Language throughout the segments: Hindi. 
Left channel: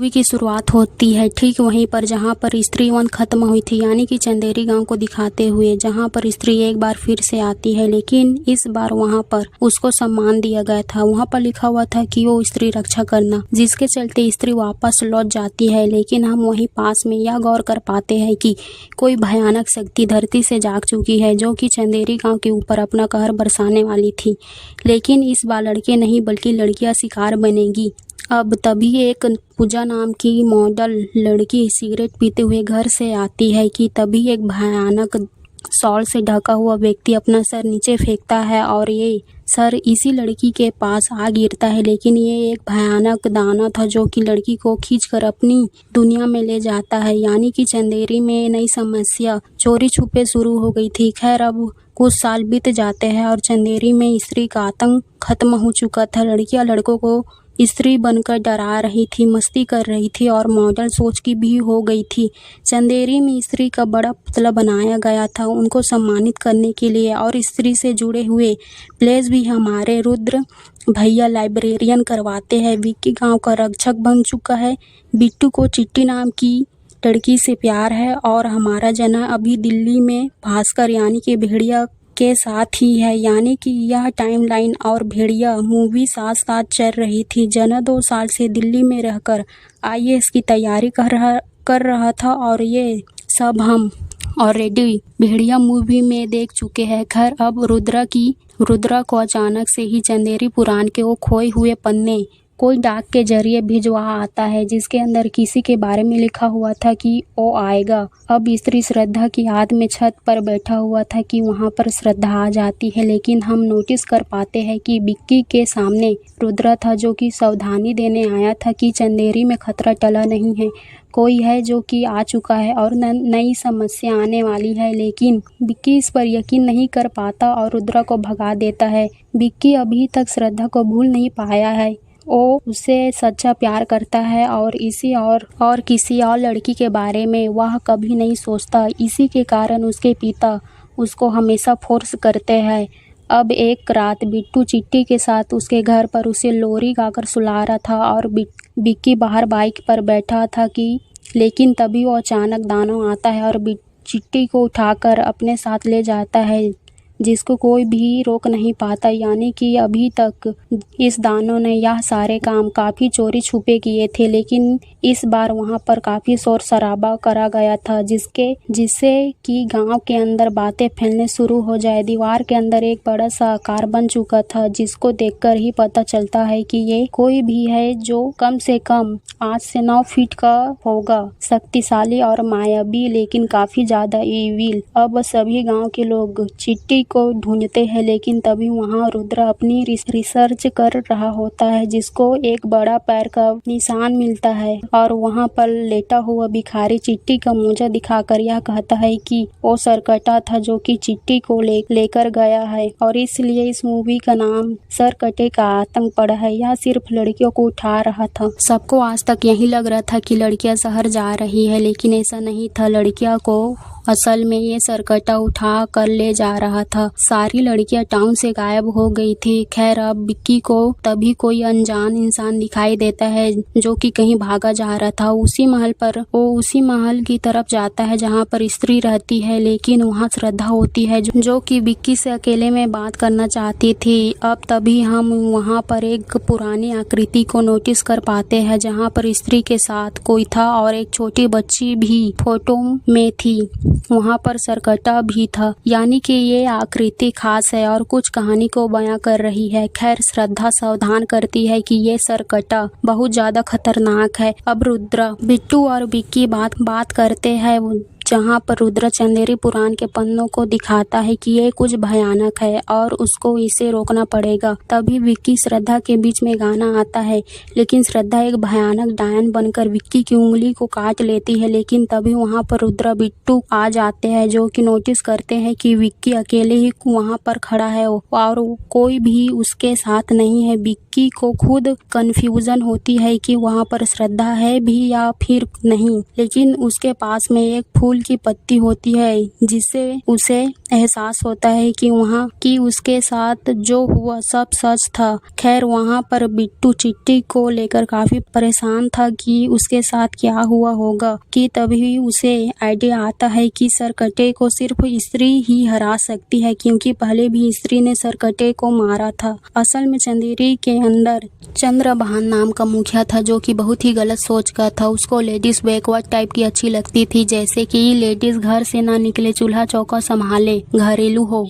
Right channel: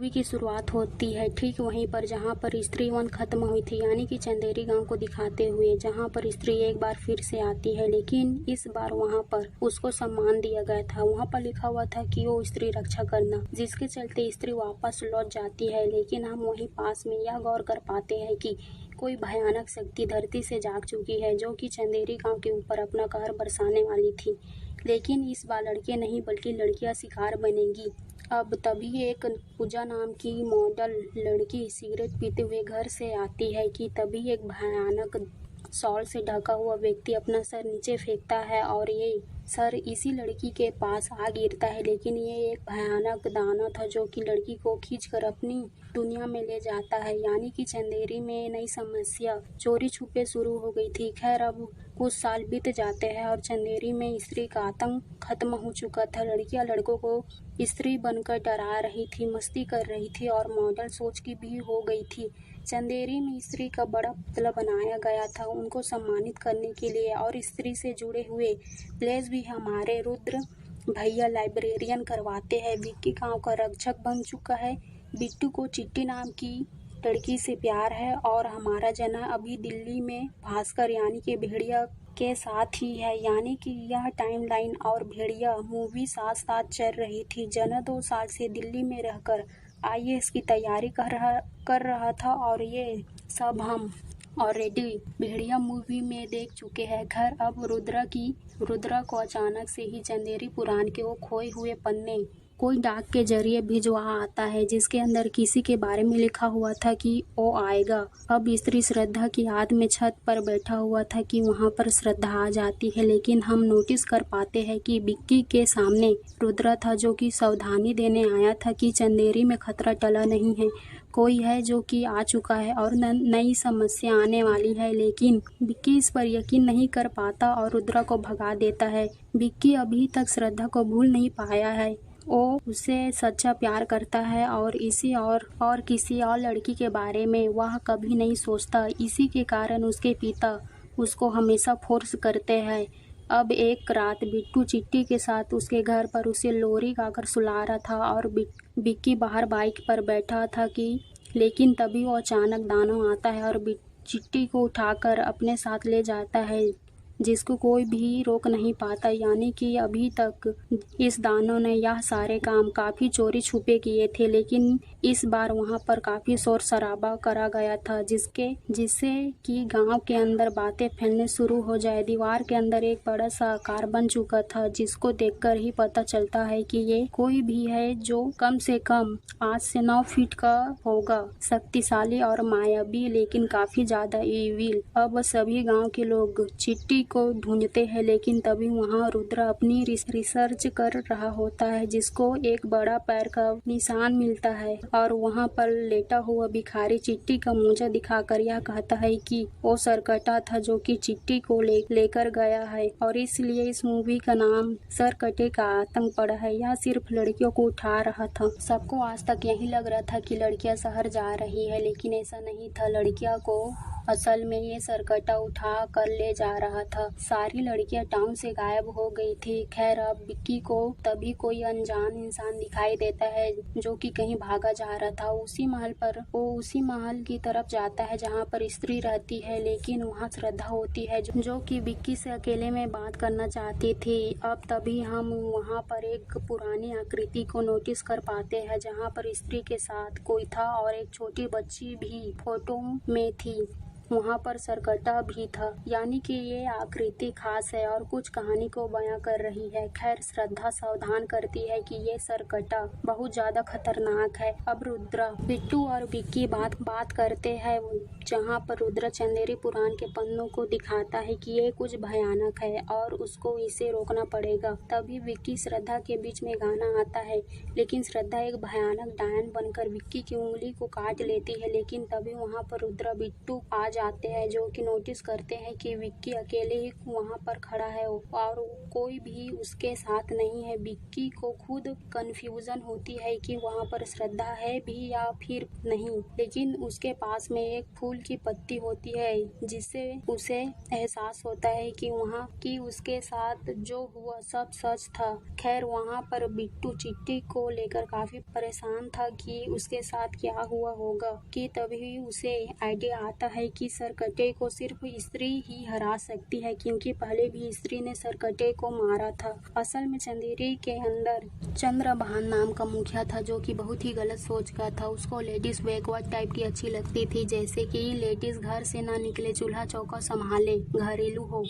मूवी की शुरुआत होती है ठीक वहीं पर जहां पर स्त्री वन खत्म हुई थी, यानी कि चंदेरी गांव को दिखाते हुए, जहां पर स्त्री एक बार फिर से आती है, लेकिन इस बार वहां पर उसको सम्मान दिया गया था। वहां पर लिखा हुआ था कि वो स्त्री रक्षा करना, जिसके चलते स्त्री वापस लौट जाती है। लेकिन हम वहीं पास में यह गौर कर पाते हैं कि कोई भयानक शक्ति धरती से जाग चुकी है, जो कि चंदेरी गाँव के ऊपर अपना कहर बरसाने वाली थी। लेकिन इस बार लड़के नहीं बल्कि लड़कियां शिकार बनेगी। अब तभी एक पूजा नाम की मॉडल लड़की सिगरेट पीते हुए घर से आती है कि तभी एक भयानक शॉल से ढका हुआ व्यक्ति अपना सर नीचे फेंकता है और ये सर इसी लड़की के पास आ गिरता है। लेकिन ये एक भयानक दाना था जो कि लड़की को खींचकर अपनी दुनिया में ले जाता है, यानी कि चंदेरी में नई समस्या चोरी छुपे शुरू हो गई थी। खैर, अब कुछ साल बीत जाते हैं और चंदेरी में स्त्री का आतंक खत्म हो चुका था। लड़कियां लड़कों को स्त्री बनकर डरा रही थी, मस्ती कर रही थी और मॉडल सोच की भी हो गई थी। चंदेरी में स्त्री का बड़ा पुतला बनाया गया था उनको सम्मानित करने के लिए, और स्त्री से जुड़े हुए प्लेस भी हमारे रुद्र भैया लाइब्रेरियन करवाते हैं। विक्की गांव का रक्षक बन चुका है। बिट्टू को चिट्टी नाम की लड़की से प्यार है और हमारा जना अभी दिल्ली में भास्कर यानी कि भेड़िया के साथ ही है, यानी कि यह टाइमलाइन और भेड़िया मूवी साथ साथ चल रही थी। जना 2 साल से दिल्ली में रहकर आईएएस की तैयारी कर रहा था और ये सब हम ऑलरेडी भेड़िया मूवी में देख चुके हैं। खैर, अब रुद्रा को अचानक से ही चंदेरी पुराण के वो खोए हुए पन्ने कोई डाक के जरिए भिजवा आता है, जिसके अंदर किसी के बारे में लिखा हुआ था कि वो आएगा। अब स्त्री श्रद्धा की याद में छत पर बैठा हुआ था कि वहां पर श्रद्धा आ जाती है। लेकिन हम नोटिस कर पाते हैं कि विक्की के सामने रुद्रा था, जो कि सावधानी देने आया था कि चंदेरी में खतरा टला नहीं है, कोई है जो कि आ चुका है और नई समस्या आने वाली है। लेकिन विक्की इस पर यकीन नहीं कर पाता और रुद्रा को भगा देता है। विक्की अभी तक श्रद्धा को भूल नहीं पाया है। वो उससे सच्चा प्यार करता है और किसी और लड़की के बारे में वह कभी नहीं सोचता। इसी के कारण उसके पिता उसको हमेशा फोर्स करते हैं। अब एक रात बिट्टू चिट्टी के साथ उसके घर पर उसे लोरी गाकर सुला रहा था और विक्की बाहर बाइक पर बैठा था लेकिन तभी वो अचानक दानव आता है और चिट्टी को उठाकर अपने साथ ले जाता है, जिसको कोई भी रोक नहीं पाता। यानी कि अभी तक इस दानों ने यह सारे काम काफ़ी चोरी छुपे किए थे, लेकिन इस बार वहां पर काफ़ी शोर शराबा करा गया था, जिससे कि गांव के अंदर बातें फैलने शुरू हो जाए। दीवार के अंदर एक बड़ा सा आकार बन चुका था, जिसको देखकर ही पता चलता है कि ये कोई भी है जो कम से कम 8 से 9 फीट का होगा, शक्तिशाली और मायावी, लेकिन काफ़ी ज़्यादा ईविल। अब सभी गाँव के लोग चिट्टी को ढूंढते हैं, लेकिन तभी वहां रुद्र अपनी रिसर्च कर रहा होता है, जिसको एक बड़ा पैर का निशान मिलता है और वहां पर लेटा हुआ भिखारी चिट्टी का मोजा दिखाकर यह कहता है कि वो सरकटा था जो कि चिट्टी को लेकर गया है, और इसलिए इस मूवी का नाम सरकटे का आतंक पड़ा है। यह सिर्फ लड़कियों को उठा रहा था। सबको आज तक यही लग रहा था कि लड़कियां शहर जा रही है, लेकिन ऐसा नहीं था। लड़कियां को असल में ये सरकटा उठा कर ले जा रहा था। सारी लड़कियां टाउन से गायब हो गई थी। खैर, अब विक्की को तभी कोई अनजान इंसान दिखाई देता है जो कि कहीं भागा जा रहा था। उसी महल की तरफ जाता है जहां पर स्त्री रहती है, लेकिन वहां श्रद्धा होती है जो कि विक्की से अकेले में बात करना चाहती थी। अब तभी हम वहां पर एक पुरानी आकृति को नोटिस कर पाते हैं, जहां पर स्त्री के साथ कोई था और एक छोटी बच्ची भी फोटो में थी। वहां पर सरकटा भी था, यानी कि ये आकृति खास है और कुछ कहानी को बयां कर रही है। खैर, श्रद्धा सावधान करती है कि ये सरकटा बहुत ज्यादा खतरनाक है। अब रुद्र, बिट्टू और विक्की बात करते हैं, जहां पर रुद्र चंदेरी पुराण के पन्नों को दिखाता है कि ये कुछ भयानक है और उसको इसे रोकना पड़ेगा। तभी विक्की श्रद्धा के बीच में गाना आता है, लेकिन श्रद्धा एक भयानक डायन बनकर विक्की की उंगली को काट लेती है। लेकिन तभी वहां पर रुद्र बिट्टू आ जाते हैं, जो कि नोटिस करते हैं कि विक्की अकेले ही वहां पर खड़ा है और कोई भी उसके साथ नहीं है। विक्की को खुद कंफ्यूजन होती है कि वहां पर श्रद्धा है भी या फिर नहीं, लेकिन उसके पास में एक फूल फूल की पत्ती होती है, जिससे उसे एहसास होता है कि वहाँ की उसके साथ जो हुआ सब सच था। खैर वहाँ पर बिट्टू चिट्टी को लेकर काफी परेशान था कि उसके साथ क्या हुआ होगा, कि तभी उसे आइडिया आता है कि सरकटे को सिर्फ स्त्री ही हरा सकती है, क्योंकि पहले भी स्त्री ने सरकटे को मारा था। असल में चंदेरी के अंदर चंद्रभान नाम का मुखिया था, जो कि बहुत ही गलत सोच का था। उसको लेडीज बैकवर्ड टाइप की अच्छी लगती थी, जैसे कि लेडीज घर से ना निकले, चूल्हा चौका संभाले, घरेलू हो।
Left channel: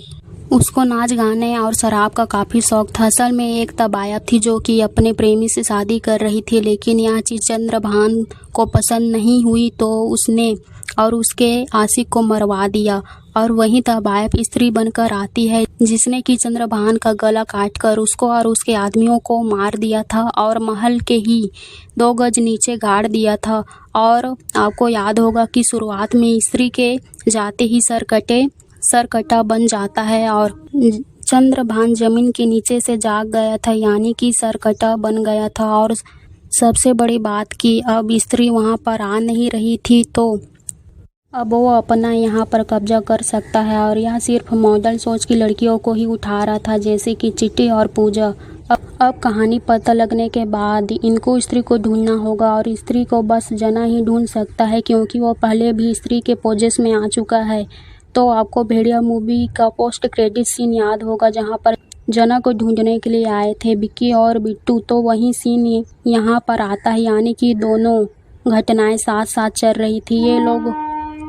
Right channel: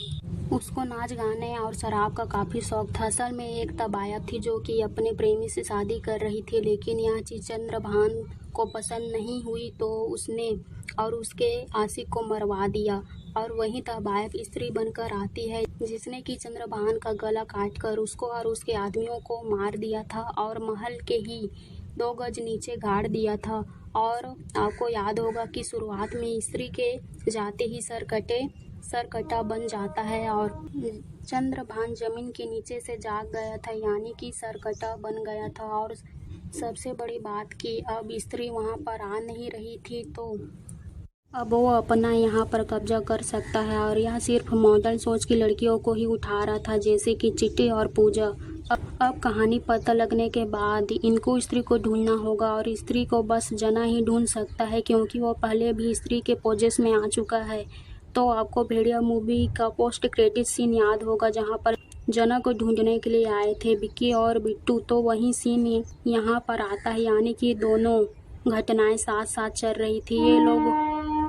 उसको नाच गाने और शराब का काफी शौक था। असल में एक तबायब थी जो कि अपने प्रेमी से शादी कर रही थी, लेकिन यह चीज चंद्रभान को पसंद नहीं हुई, तो उसने और उसके आशिक को मरवा दिया। और वही तबायब स्त्री बनकर आती है, जिसने कि चंद्रभान का गला काटकर उसको और उसके आदमियों को मार दिया था और महल के ही 2 गज नीचे गाड़ दिया था। और आपको याद होगा कि शुरुआत में स्त्री के जाते ही सरकटा बन जाता है और चंद्रभान जमीन के नीचे से जाग गया था, यानी कि सरकटा बन गया था। और सबसे बड़ी बात कि अब स्त्री वहां पर आ नहीं रही थी, तो अब वो अपना यहाँ पर कब्जा कर सकता है। और यह सिर्फ मॉडल सोच की लड़कियों को ही उठा रहा था, जैसे कि चिट्टी और पूजा। अब कहानी पता लगने के बाद इनको स्त्री को ढूंढना होगा, और स्त्री को बस जना ही ढूंढ सकता है, क्योंकि वो पहले भी स्त्री के पोजेस में आ चुका है। तो आपको भेड़िया मूवी का पोस्ट क्रेडिट सीन याद होगा, जहाँ पर जना को ढूंढने के लिए आए थे विक्की और बिट्टू। तो वही सीन यहाँ पर आता है, यानी कि दोनों घटनाएं साथ साथ चल रही थी।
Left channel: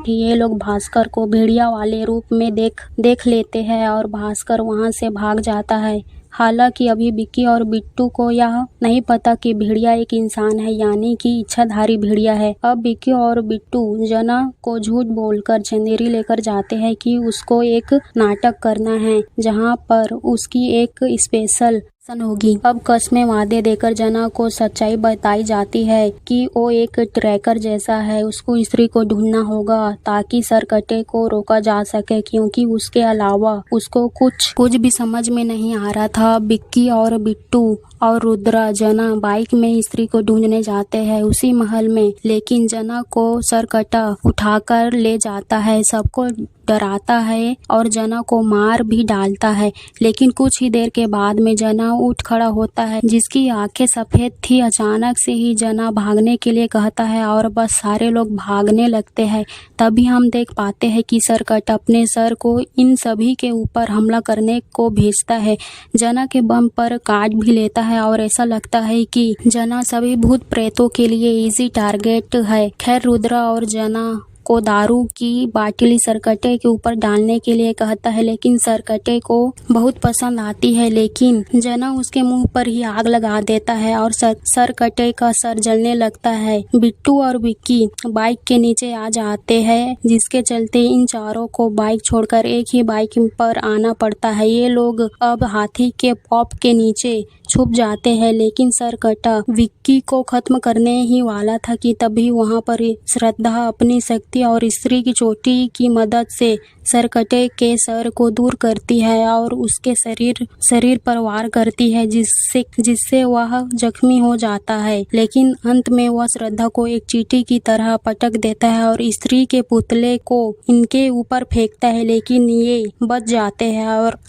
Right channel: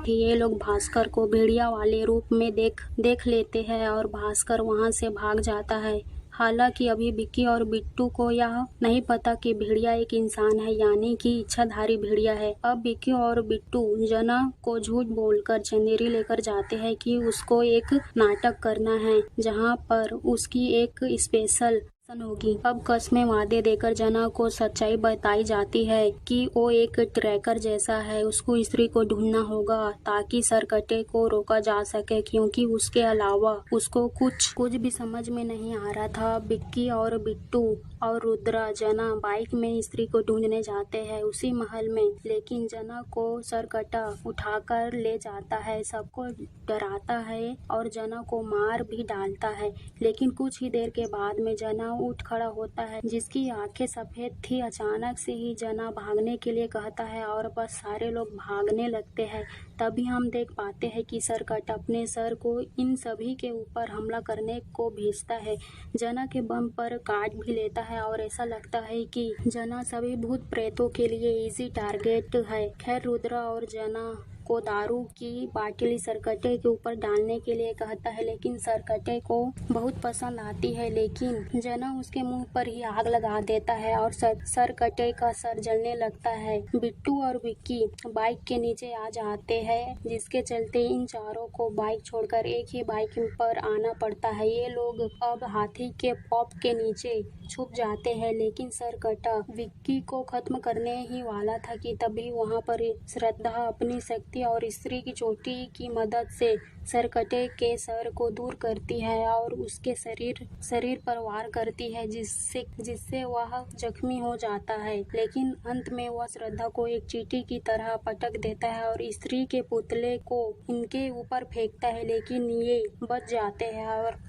ये लोग भास्कर को भेड़िया वाले रूप में देख लेते हैं और भास्कर वहां से भाग जाता है। हालांकि अभी विक्की और बिट्टू को यह नहीं पता कि भेड़िया एक इंसान है, यानी कि इच्छाधारी भेड़िया है। अब विक्की और बिट्टू जना को झूठ बोलकर चंदेरी लेकर जाते हैं कि उसको एक नाटक करना है, जहां पर उसकी एक स्पेशल होगी। अब कस्में वादे देकर जना को सच्चाई बताई जाती है कि वो एक ट्रैकर जैसा है, उसको स्त्री को ढूंढना होगा ताकि सरकटे को रोका जा सके, क्योंकि उसके अलावा उसको कुछ भी समझ में नहीं आ रहा था। विक्की और बिट्टू और रुद्रा जना बाइक में स्त्री को ढूंढने जाते हैं उसी महल में, लेकिन जना को सरकटा उठाकर ले जाता है, सबको डराता है और जना को मार भी डालता है। लेकिन कुछ ही देर के बाद में जना उठ खड़ा होता है, जिसकी आंखें सफेद थी। अचानक से ही जना भागने के लिए कहता है और बस सारे लोग भागने लगते हैं। तभी हम देख पाते हैं कि सरकटा अपने सर को इन सभी के ऊपर हमला करने को भेजता है। जना के बम पर काट भी लेता है और ऐसा लगता है कि जना सभी भूत प्रेतों के लिए इजी टारगेट है। खैर रुद्रा और जना को दारू की बाटली सरकटे के ऊपर डालने के लिए कहता है, लेकिन सरकटे को बहुत पसंद आती है, लेकिन जना उसके मुंह पर ही आग लगा देता है और सरकटे का सर जलने लगता है। बिट्टू और विक्की बाइक के नीचे आ जाते हैं, जिसके चलते इन चारों को बाइक छोड़कर एक ही बाइक पर आना पड़ता है। ये लोग अब हाथी के पॉप के नीचे छुप जाते हैं, लेकिन सरकटा विक्की को खत्म करने ही वाला था कि तभी वहां पर श्रद्धा अपनी शक्ति और स्त्री की चोटी की मदद से सरकटे के सर को दूर करती है और उसके शरीर पर वार करती है, जिससे वह जख्मी हो जाता है। लेकिन अंत में वह श्रद्धा को एक चींटी की तरह पटक देता है और स्त्री के पुतले को इनके ऊपर फेंकता है, लेकिन ये बच जाते हैं।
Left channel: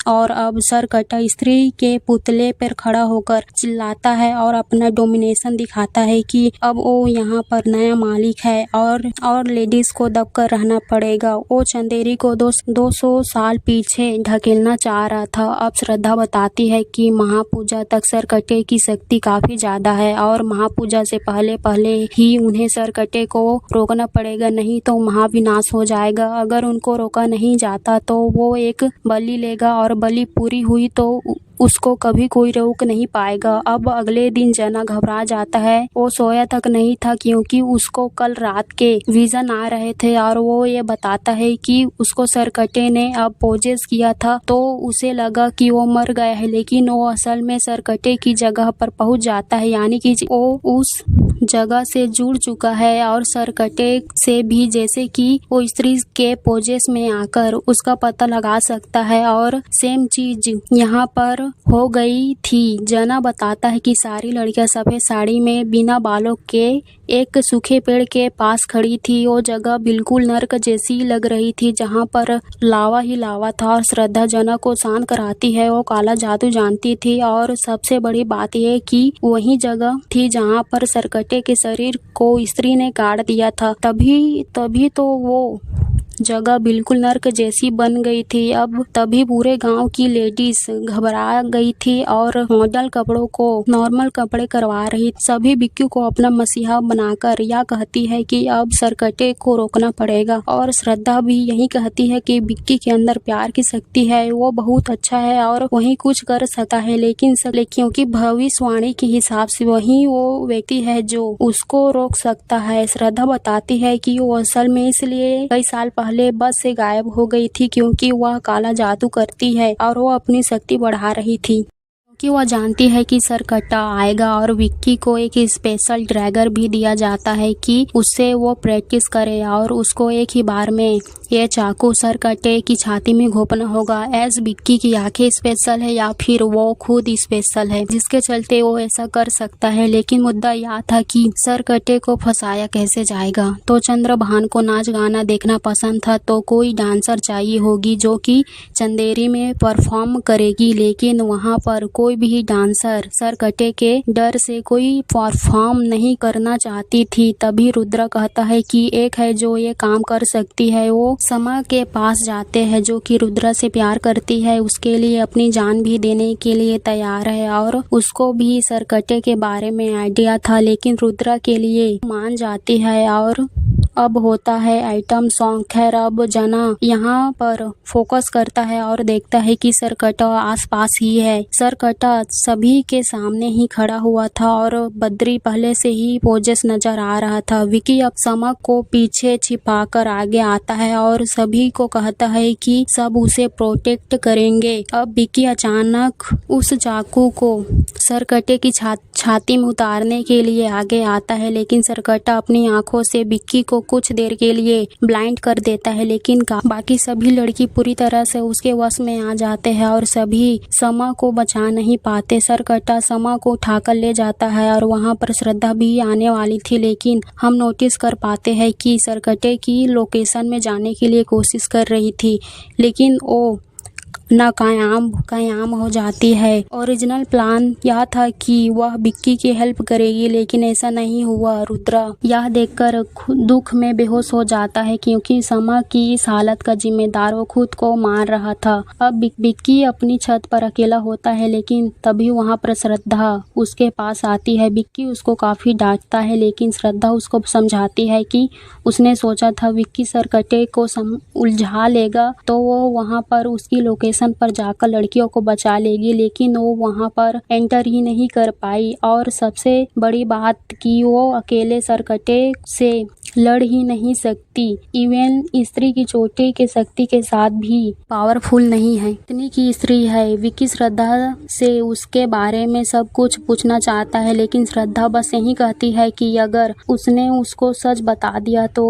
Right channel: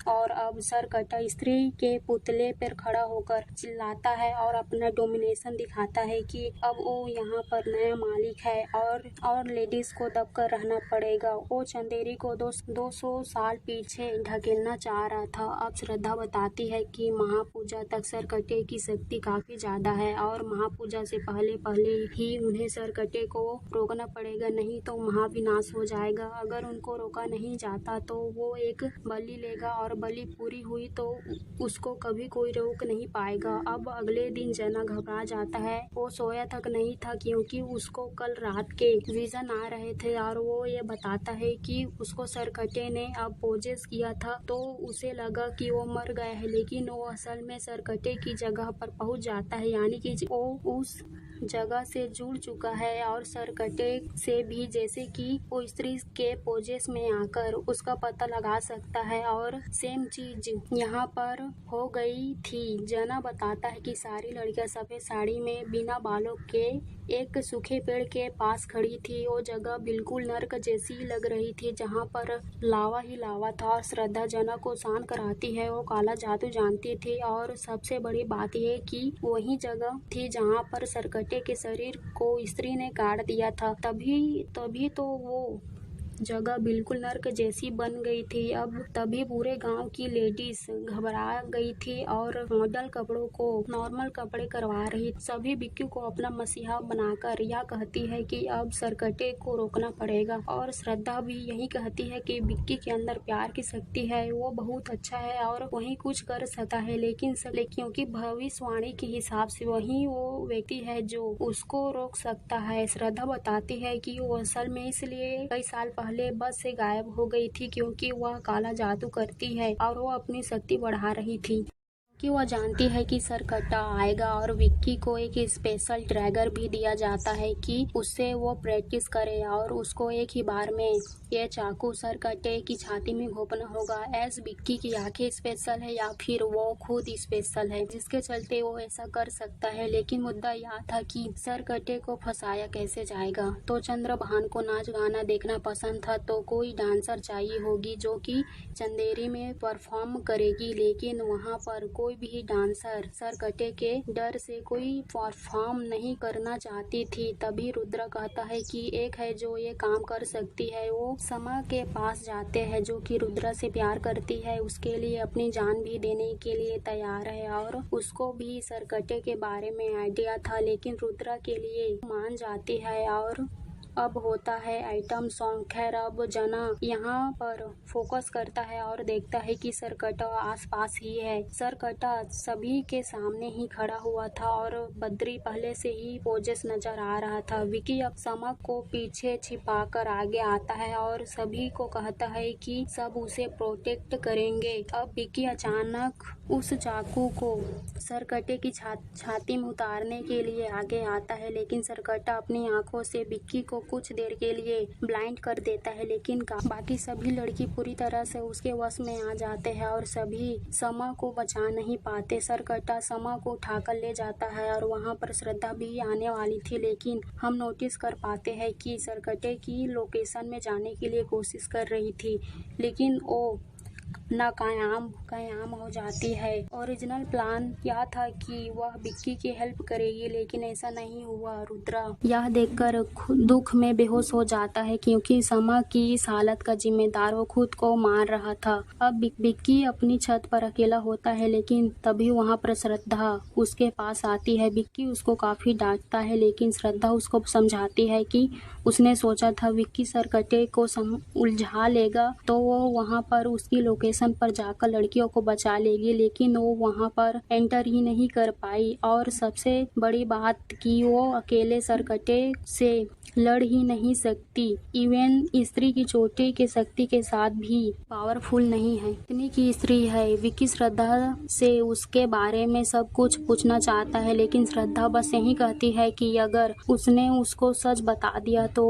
और अब सरकटा स्त्री के पुतले पर खड़ा होकर चिल्लाता है और अपना डोमिनेशन दिखाता है कि अब वो यहाँ पर नया मालिक है और लेडीज को दबकर रहना पड़ेगा। वो चंदेरी को 200 साल पीछे ढकेलना चाह रहा था। अब श्रद्धा बताती है कि महापूजा तक सरकटे की शक्ति काफी ज्यादा है और महापूजा से पहले ही उन्हें सरकटे को रोकना पड़ेगा, नहीं तो महाविनाश हो जाएगा। अगर उनको रोका नहीं जाता तो वो एक बलि लेगा और बलि पूरी हुई तो उसको कभी कोई रोक नहीं पाएगा। अब अगले दिन जना घबरा जाता है। वो सोया तक नहीं था क्योंकि उसको कल रात के विजन आ रहे थे और वो ये बताता है कि उसको सरकटे ने अब पोजेस किया था, तो उसे लगा कि वो मर गया है, लेकिन वो असल में सरकटे की जगह पर पहुंच जाता है, यानी कि वो उस जगह से जुड़ चुका है और सरकटे से भी जैसे कि वो स्त्री के पोजेस में आकर उसका पता लगा सकता है। और सेम चीज यहाँ पर हो गई थी जना बताता है कि सारी लड़कियां सफेद साड़ी में बिना बालों के एक सूखे पेड़ के पास खड़ी थी। वो जगह बिल्कुल नर्क जैसी लग रही थी, जहाँ पर लावा ही लावा था। और श्रद्धा जना को शांत कराती है। वो काला जादू जानती थी और सबसे बड़ी बात यह कि वही जगह थी जहाँ पर सरकटे के शरीर को स्त्री ने काट दिया था। तभी तो वो जगह बिल्कुल नर्क जैसी बन गई थी। अब तभी पूरे गांव की लेडीज घबरा गई थी और मॉडल कपड़ों को नॉर्मल कपड़े करवा रही। सभी बिक्की को अपना मसीहा बनाकर यह कहती है कि अब सरकटे को रोकना पड़ेगा। और श्रद्धा भी यही कहती है कि बिक्की के अंदर प्यार की शक्ति है, वो बहुत अच्छा है और वही कुछ कर सकता है, लेकिन क्योंकि भविष्यवाणी के हिसाब से वही वो व्यक्ति है जो उसको रोक सकता है। श्रद्धा बताती है कि वो असल में इसलिए कई साल पहले बस से गायब हो गई थी क्योंकि वह काला जादू करती है और वो अपनी शक्ति बढ़ा रही थी, क्योंकि वह जानती है कि सरकट्टा आएगा। और विक्की को एक स्पेशल ड्रैगर भी दिया जाता है कि उससे वो प्रैक्टिस करे और उसको एक ही बार में ये चाकू सरकट्टे की छाती में घोंपना होगा। एज विक्की की आंखें स्पेशल है या फिर वो खुद स्पेशल है जिसके चलते वो ऐसा कर सकता है। लेकिन मुद्दा यह था कि सरकट्टे को फंसाया कैसे जाएगा। तो चंद्रभान को नाच गाना देखना पसंद था, तो कोई डांसर चाहिए होगी जो कि चंदेरी में परफॉर्म करेगी। लेकिन वहाँ पर कोई भी डांसर सरकट्टे के डर से कोई परफॉर्म नहीं करना चाहती थी। तभी रुद्र कहता है कि एक है जो ये काम कर सकती है। वो समा के पास जाते हैं जो कि रुद्र से प्यार करती है, उसके लिए अपनी जान भी देने के लिए तैयार है और उसको भी सरकट्टे के बारे में आइडिया था, लेकिन रुद्र के लिए मान जाती है। और अब होता है आइटम सॉन्ग। खैर अब जना यहाँ पर फोकस करता है और देखता है कि सरकट्टा आसपास ही है। सरकट्टा सभी के सामने ही खड़ा हुआ था और बद्री पहले से ही पोजेस नजर आ रहा था। विकी अब समक को पीछे छिपाकर आगे आता है और सभी को कहता है कि सब उसे प्रोटेक्ट करेंगे। अब विकी अचानक उस चाकू को सरकट्टे की छाती में उतारने के लिए आगे आता है, लेकिन सरकट्टा अपनी आंखों से विक्की को कुछ देर के लिए ब्लाइंड कर देता है। लेकिन बाकी सभी लड़की पूरी तरह से उसके वश में आ जाते हैं और सभी समा को बचा नहीं पाते। सरकट्टा समा को उठाकर ले जाता है और वहां पर श्रद्धा भी आने वाली थी, लेकिन हम नोटिस कर पाते हैं कि सरकट्टे की लोकेशन में जाने के लिए कोशिश कर रही थी, लेकिन वो नाकाम हो जाती है। ओरिजिनल प्लान यह था कि वह विक्की की हेल्प करेगी, लेकिन ऐसा नहीं हुआ। रुद्र यह देखकर दुख में बेहोश हो जाता है क्योंकि समा की इस हालत का जिम्मेदार वो खुद को मान रहा था। अब विक्की अपनी छत पर अकेला होता है, लेकिन तभी वहां पर श्रद्धा उसके पास आती है। विक्की उसको काफी डांटता है, लेकिन श्रद्धा उसको समझाती है कि उसने सोचा था विक्की सरकट्टे को उलझा लेगा तो वो वहां पर उसकी लोकेशन पर जाकर लड़कियों को बचा लेगी, लेकिन वो वहां पर एंटर ही नहीं कर पाई। और सबसे बड़ी बात कि वो अकेले सरकट्टे से लड़ ही नहीं सकती। इवन स्त्री की चोटी के शक्ति के साथ भी पावरफुल नहीं है, इतनी की स्त्री है। विक्की श्रद्धा से उसके बारे में सब कुछ पूछना चाहता है, लेकिन श्रद्धा बस यही कहती है कि अगर उसने उसको सच बता दिया तो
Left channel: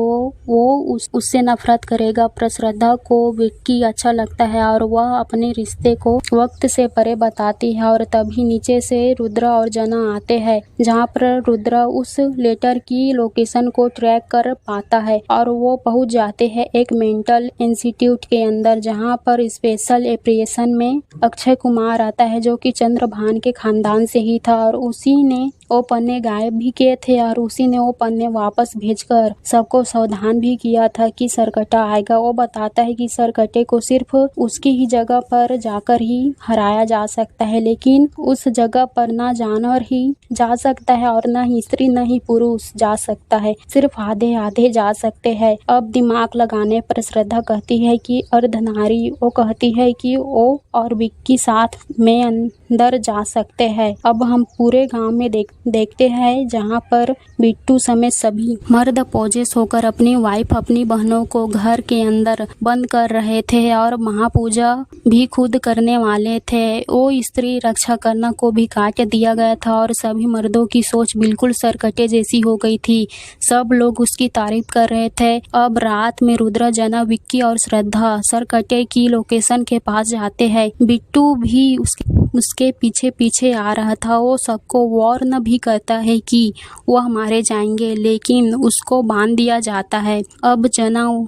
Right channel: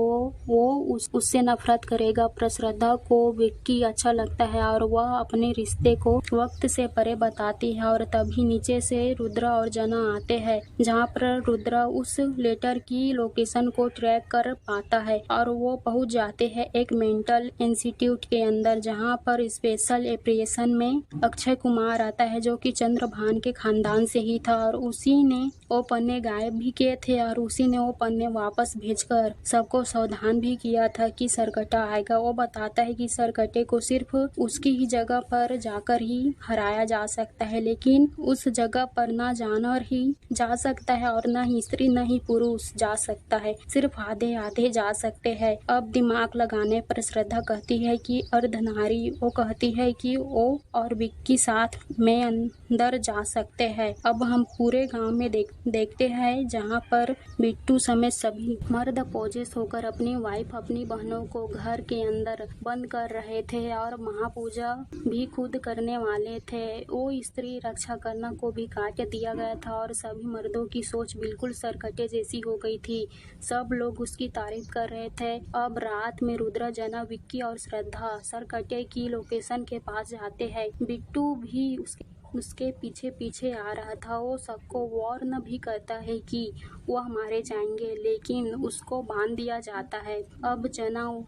वो उससे नफरत करेगा। पर श्रद्धा को विक्की अच्छा लगता है और वह अपने रिश्ते को वक्त से परे बताती है। और तभी नीचे से रुद्र और जना आते हैं, जहाँ पर रुद्र उस लेटर की लोकेशन को ट्रैक कर पाता है और वो पहुंच जाते हैं एक मेंटल इंस्टीट्यूट के अंदर, जहाँ पर स्पेशल ऑपरेशन में अक्षय कुमार आता है जो कि चंद्रभान के खानदान से ही था। और उसी ने वो पन्ने गायब भी किए थे और उसी ने वो पन्ने वापस भेजकर सबको सावधान भी किया था कि सरकट्टा आएगा। वो बताता है कि सरकट्टे को सिर्फ उसकी ही जगह पर जाकर ही हराया जा सकता है, लेकिन उस जगह पर ना जानवर ही जा सकता है और ना ही स्त्री ना ही पुरुष जा सकता है, सिर्फ आधे आधे जा सकते हैं। अब दिमाग लगाने पर श्रद्धा कहती है कि अर्धनारी, वो कहती है कि वो और विक्की साथ में अंदर जा सकते हैं। अब हम पूरे गांव में देखते देखते हैं जहां पर बिट्टू समेत सभी मर्द पोजेस होकर अपनी वाइफ अपनी बहनों को घर के अंदर बंद कर रहे थे और महापूजा भी खुद करने वाले थे। वो स्त्री रक्षा करना को भी काट दिया गया था और सभी मर्दों की सोच बिल्कुल सरकटे जैसी हो गई थी। सब लोग उसकी तारीफ कर रहे थे। अब रात में रुद्र, जना, विक्की और श्रद्धा सरकटे की लोकेशन के पास जाते हैं। बिट्टू भी उसके पीछे पीछे आ रहा था। वो सबको वार्न भी करता है कि वह मारे जाएंगे, लेकिन उसको बांध दिया जाता है। अब जना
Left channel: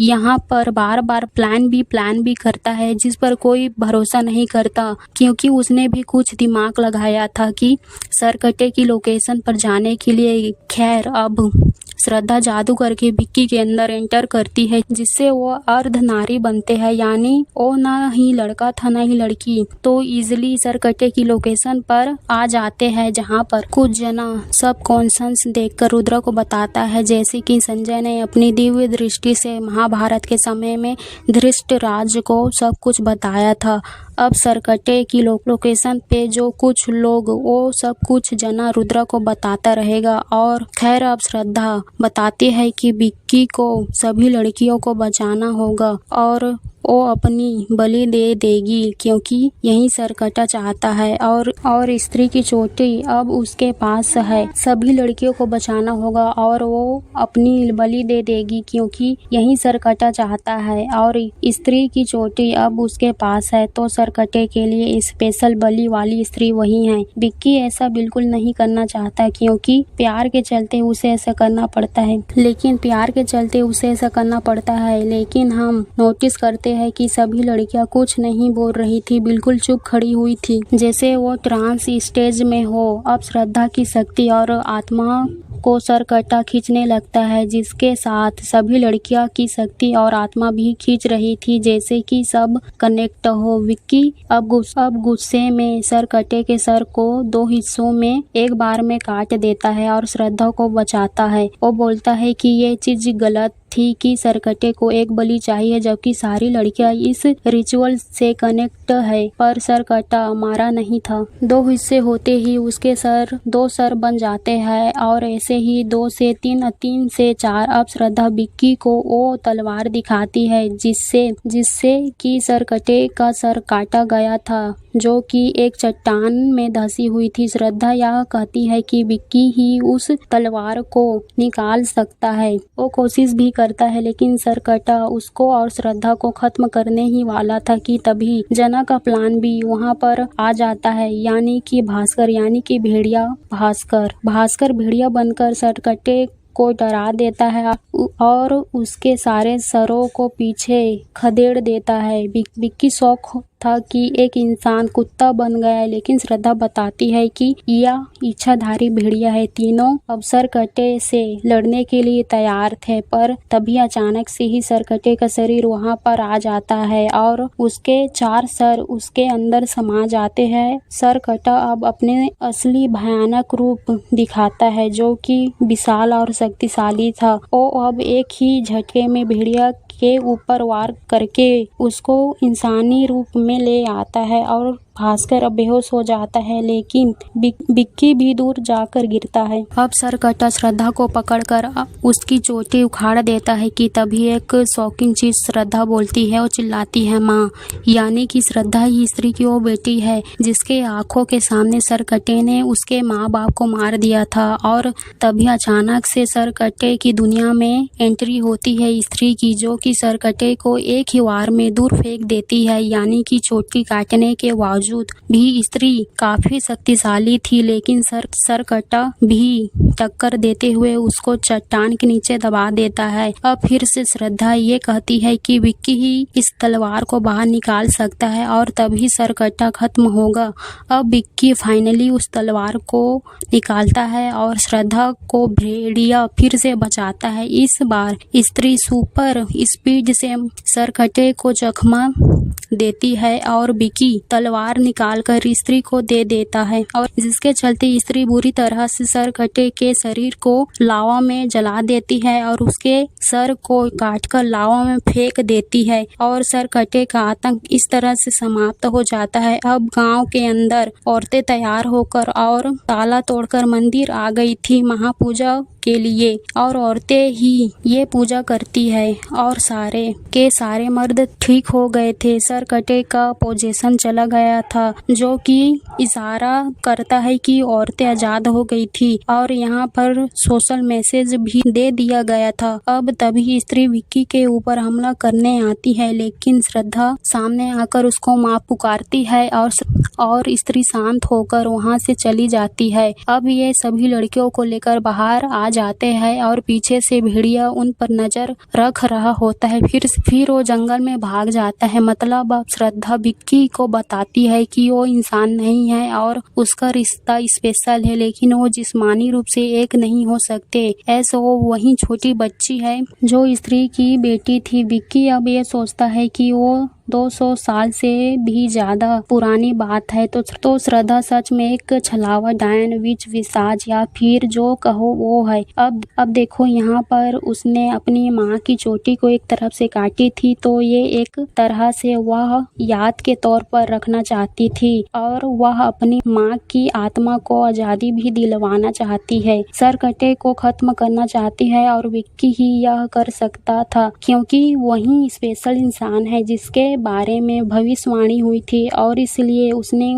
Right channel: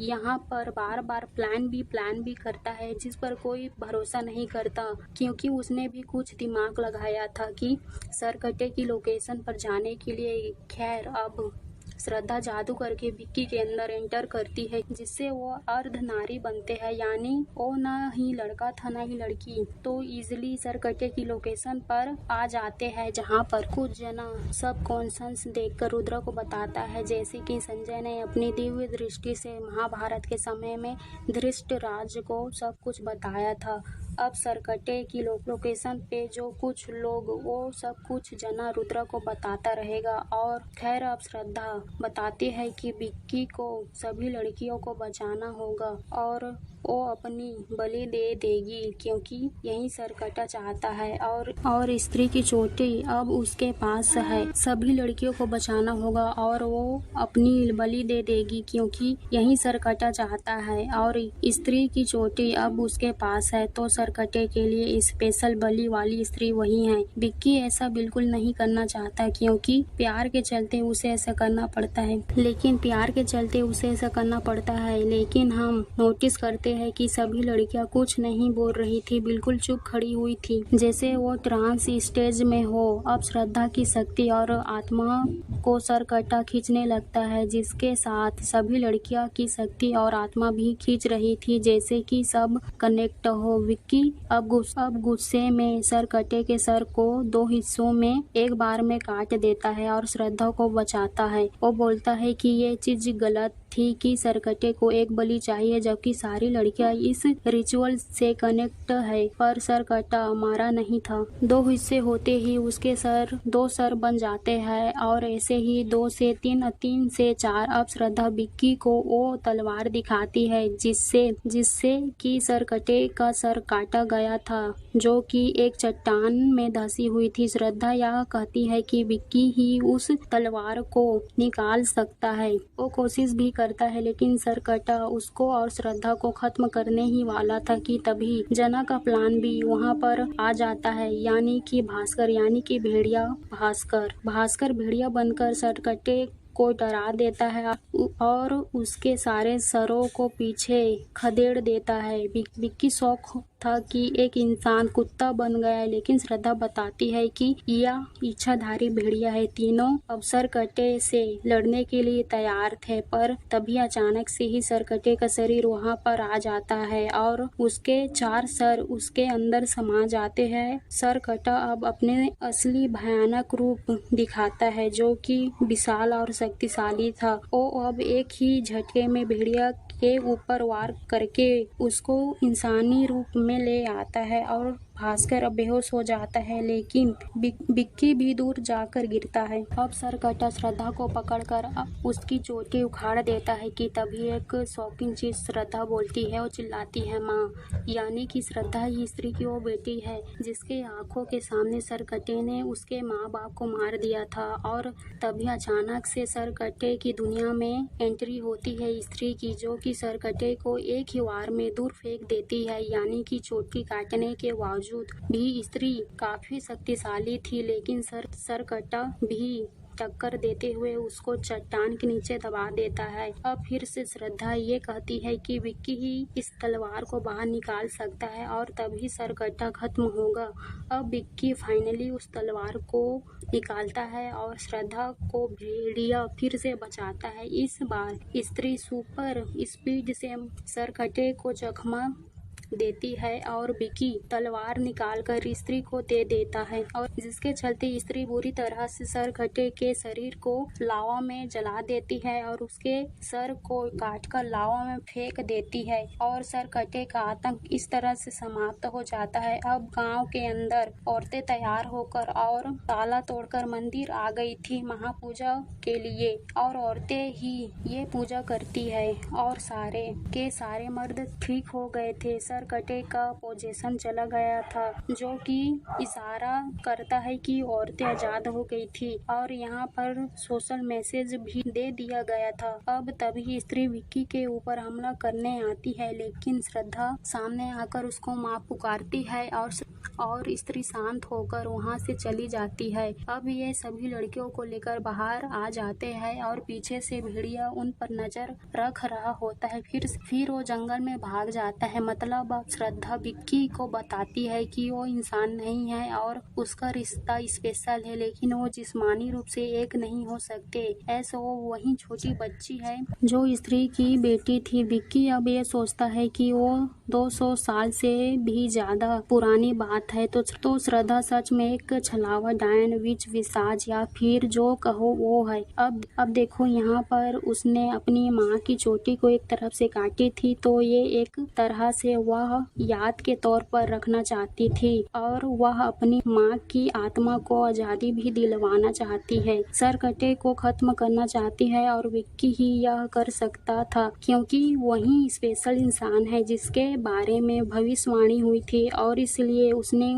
यहाँ पर बार बार प्लान भी करता है जिस पर कोई भरोसा नहीं करता, क्योंकि उसने भी कुछ दिमाग लगाया था कि सरकटे की लोकेशन पर जाने के लिए। खैर, अब श्रद्धा जादू करके विक्की के अंदर एंटर करती है, जिससे वो अर्धनारी बनते हैं, यानी वो ना ही लड़का था ना ही लड़की। तो इजिली सरकटे की लोकेशन पर आ जाते हैं, जहाँ पर कुछ जना सब कॉन्शंस देखकर रुद्र को बताता है, जैसे कि संजय ने अपनी दिव्य दृष्टि से महाभारत के समय में धृष्टराज को सब कुछ बताया था। अब सरकटे की लोकेशन पे जो कुछ लोग, वो सब कुछ जना रुद्र को बताता रहेगा। और खैर, अब श्रद्धा बताती है कि विक्की को सभी लड़कियों को बचाना होगा और वो अपनी बलि दे देगी, क्योंकि यही सरकटा चाहता है। और स्त्री की चोटी अब उसके पास है। सभी लड़कियों को बचाना होगा और वो अपनी बलि दे देगी, क्योंकि यही सरकटा चाहता है। और स्त्री की चोटी अब उसके पास है, तो सरकटे के लिए स्पेशल बलि वाली स्त्री वही है। विक्की ऐसा बिल्कुल नहीं करना चाहता, क्योंकि प्यार के चलते उसे ऐसा करना पड़ता है। लेकिन हम नोटिस करते है कि सभी लड़कियां कुछ नहीं बोल रही थी, बिल्कुल चुप खड़ी हुई थी, जैसे वो ट्रांस स्टेज में हो। अब श्रद्धा की शक्ति और आत्मा को सरकटा खींचने लगता है, जिसके साथ सभी लड़कियां की शक्ति और आत्मा भी खींच रही थी, जैसे कि सब कनेक्ट हो। विक्की अब गुस्से में सरकटे के सर को 2 हिस्सों में एक बार में काट देता है और श्रद्धा को बचाता है। वो बोलता है कि ये चीज गलत थी कि सरकटे को एक बलि चाहिए, जबकि सारी लड़कियां इस रिचुअल से कनेक्ट है, पर सरकटा मारा नहीं था। 2 हिस्से होते ही उसके 2 सर बन जाते हैं और ऐसे ही 2 से 3 से 4। अब श्रद्धा विक्की को वो तलवार दिखाती है जिससे कि सरकटे का सर काटा गया था, जो कि एक चट्टान में धसी हुई थी। श्रद्धा यह कहती है कि विक्की ही उस तलवार को निकाल सकता है। वो कोशिश भी करता है, लेकिन सरकटा उसको और श्रद्धा को खत्म करने ही वाला था कि तभी जना का प्लान भी वहां पर आ जाता है, यानी कि भेड़िया भास्कर भेड़िया बनकर सरकटे को डरा देता है और उसके सारे सरों को पीछे खदेड़ देता है। विक्की शौक था कि एक इंसान कुत्ता बन गया है, लेकिन श्रद्धा बताती है कि यह इच्छाधारी भेड़िया है। तीनों अब सरकटे से लड़ने के लिए तैयार थे, पर तभी अचानक से ही सरकटे का शरीर वहां पर आ जाता है और उसके 4 सर उसके अंदर समा जाते हैं। सरकटा अब अपने असली भयानक रूप दिखाता है, जो कि विशाल और शक्तिशाली था। वो अब एक ही झटके में भेड़िया के ऊपर वार करके उसको इंसानी रूप में ले आता है और भास्कर अब बेहोश हो जाता है, लेकिन विक्की भी दूर जाकर गिरता है। अब सरकटा श्रद्धा को पकड़कर उसकी चोटी उखाड़ देता है कि तभी एक शॉकिंग चीज श्रद्धा बोलती है। वो चिल्लाती है, माँ, यानी कि श्रद्धा ही स्त्री की वो बेटी है जिसके आंखों के सामने सरकटे ने उसके माँ बाप को मार दिया था। और तभी अचानक से सरकटे की दुनिया में एंट्री होती है स्त्री की, जो कि सरकटे को एक ही वार में दूर फेंक देती है। यानी कि चोटी काटने के बावजूद भी स्त्री काफी शक्तिशाली थी, लेकिन सरकटा भी टक्कर देते हुए उसको चट्टान के नीचे दबा देता है। अब फिर से श्रद्धा ये कहती है कि विक्की ही इस तलवार को बाहर निकाल सकता है और तभी सरकटा खत्म होगा। अब विक्की फाइनली उस तलवार को निकालता है और श्रद्धा को भेड़िया फिर से बचाता है। इस बार स्त्री सुपर स्पीड से सरकटे को जख्मा देती है और विक्की तलवार बाहर निकालकर स्त्री को दे देता है और जिसके चलते स्त्री बुरी तरह से सरकटे के शरीर को लावा में जला देती है और उसके सर को काटकर लावा में फेंक देती है और सरकटे का आतंक इस तरह से समाप्त हो जाता है। अब गांव के अंदर औरतें तैयार होकर और ताला तोड़कर मंदिर आ गई थी महापूजा के लिए और औरतें ही ये पूजा करती है और सारे के सारे मर्द ठीक हो गए थे। सरकटे का पोजीशन चला गया था जो कि इशारा करता है कि औरतें आजाद हो गई थी और यहाँ पर सोशल मैसेज भी दे दिया गया था। अब तभी स्त्री विक्की के ऊपर हमला करने आती है लेकिन श्रद्धा सामने आकर उसको मां पुकारती है और स्त्री शांत होकर वहां से चली जाती है। अब ये सभी लड़कियों को लेकर बाहर आ जाते हैं और पीछे से भेड़िया उन पर नजर रख रहा होता है। फिर वो जंगल में भाग जाता है। मतलब अब श्रद्धा विक्की को बताती है कि वो इंसान नहीं है और उसका रिश्ता स्पेशल है लेकिन वो जिस्मानी रूप से एक नहीं हो सकते। ऐसा वो वही छोटी बच्ची है जो स्त्री की बेटी थी। विक्की अब ये सोचता है कि वो 200 साल से भी ज्यादा पुरानी बात है तो श्रद्धा सच में एक छलावा डायन विच विसाज या फिर जो कहो वो है। अब देखो यहाँ पर उसने अपनी माँ की चोटी को एक तरफ से काटी थी तो ये एक तरह से वह याद के तौर पर रखना चाहती थी और वह अपनी माँ की आत्मा को आजादी भी दिलवाना चाहती है। सरकटे को खत्म करना चाहती है और विक्की ही यह कर सकता था क्योंकि वही स्पेशल इंसान है जिसके बारे में भविष्यवाणी हुई थी और इसलिए उसने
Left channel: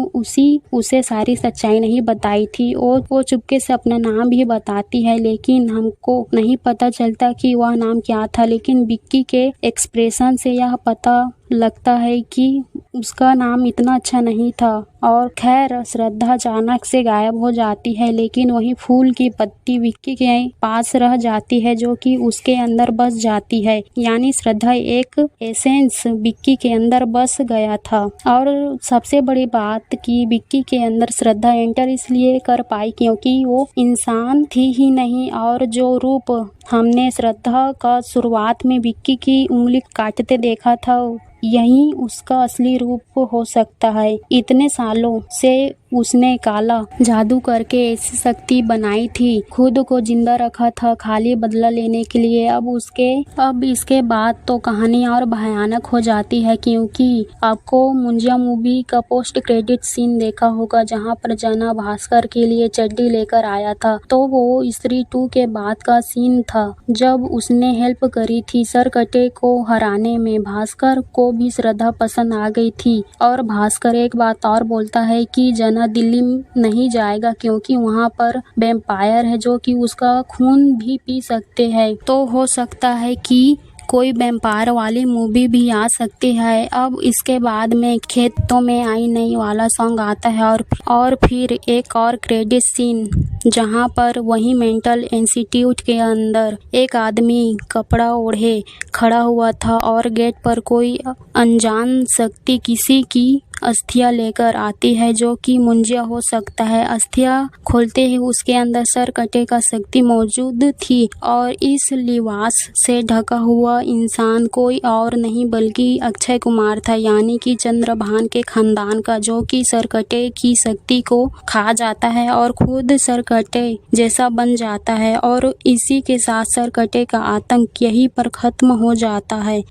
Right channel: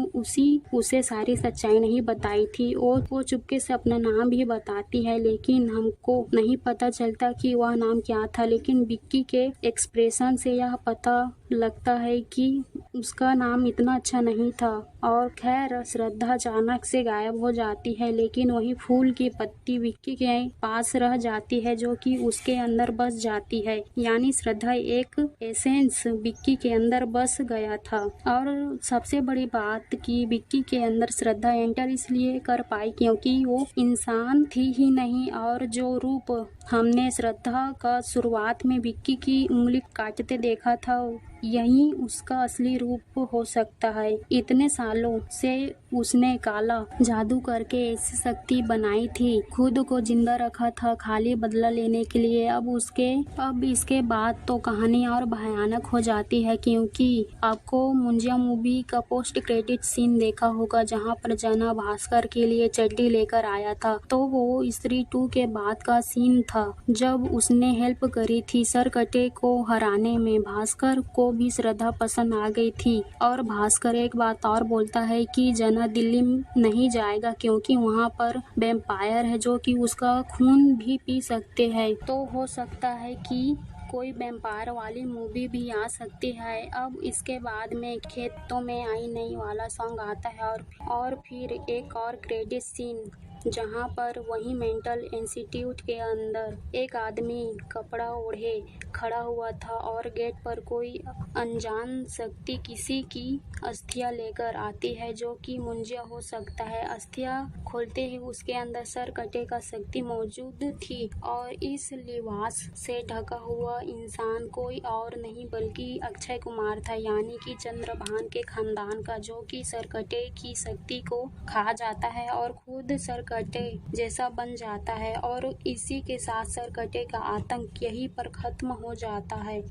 उसे सारी सच्चाई नहीं बताई थी। वो चुपके से अपना नाम भी बताती है लेकिन हमको नहीं पता चलता कि वह नाम क्या था, लेकिन विक्की के एक्सप्रेशन से यह पता लगता है कि उसका नाम इतना अच्छा नहीं था। और खैर श्रद्धा अचानक से गायब हो जाती है लेकिन वही फूल की पत्ती विक्की के पास रह जाती है जो कि उसके अंदर बस जाती है। यानी श्रद्धा एक एसेंस विक्की के अंदर बस गया था। और सबसे बड़ी बात कि विक्की के अंदर श्रद्धा एंटर इसलिए कर पाई क्योंकि वो इंसान थी ही नहीं और जो रूप हमने श्रद्धा का शुरुआत में विक्की की उंगली काटते देखा था यही उसका असली रूप हो सकता है। इतने सालों से उसने काला जादू करके ऐसी शक्ति बनाई थी, खुद को जिंदा रखा था खाली बदला लेने के लिए। अब इसके बाद तो कहानी और भयानक हो जाती है क्योंकि आपको मुंजिया मूवी का पोस्ट क्रेडिट सीन देखा होगा जहां पर जना भास्कर के लिए चड्डी लेकर आया था। तो वो स्त्री 2 के बाद का सीन था जब उसने हेल्प करी थी सरकटे को हराने में। भास्कर को भी श्रद्धा पसंद आ गई थी और भास्कर एक बात और बोलता है कि जना दिल्ली नहीं जाएगा क्योंकि वहाँ पर वैम्पायर है जो कि उसका खून भी पी सकते हैं। तो हो सकता है कि कोई वैम्पायर वाली मूवी भी आ सकती है। अब इसके बाद में खेतों में आई नई वाला सॉन्ग आता है और फिर एक और क्रेडिट सीन जहां पर वही मेंटल इंस्टीट्यूट के अंदर एक आदमी कपड़ा ओढ़े खड़ा हुआ था और गेट पर कोई अनजान शक्ति किसी की अस्थियां लेकर आती है जो कि मुंजिया हो सकता है। अस्थियां खोलते ही उसके अंदर सरकटे का शक्ति मौजूद थी और इस लिबास से ढका हुआ इंसान कोई और नहीं बल्कि अक्षय कुमार था, यानी कि चंद्रभान के खानदान का, जो कि सरकटे की शक्ति को खा जाता है और खुद सरकटे जैसा बन जाता है और इसी के साथ सरकटे का आतंक यहीं पर खत्म हो जाता है।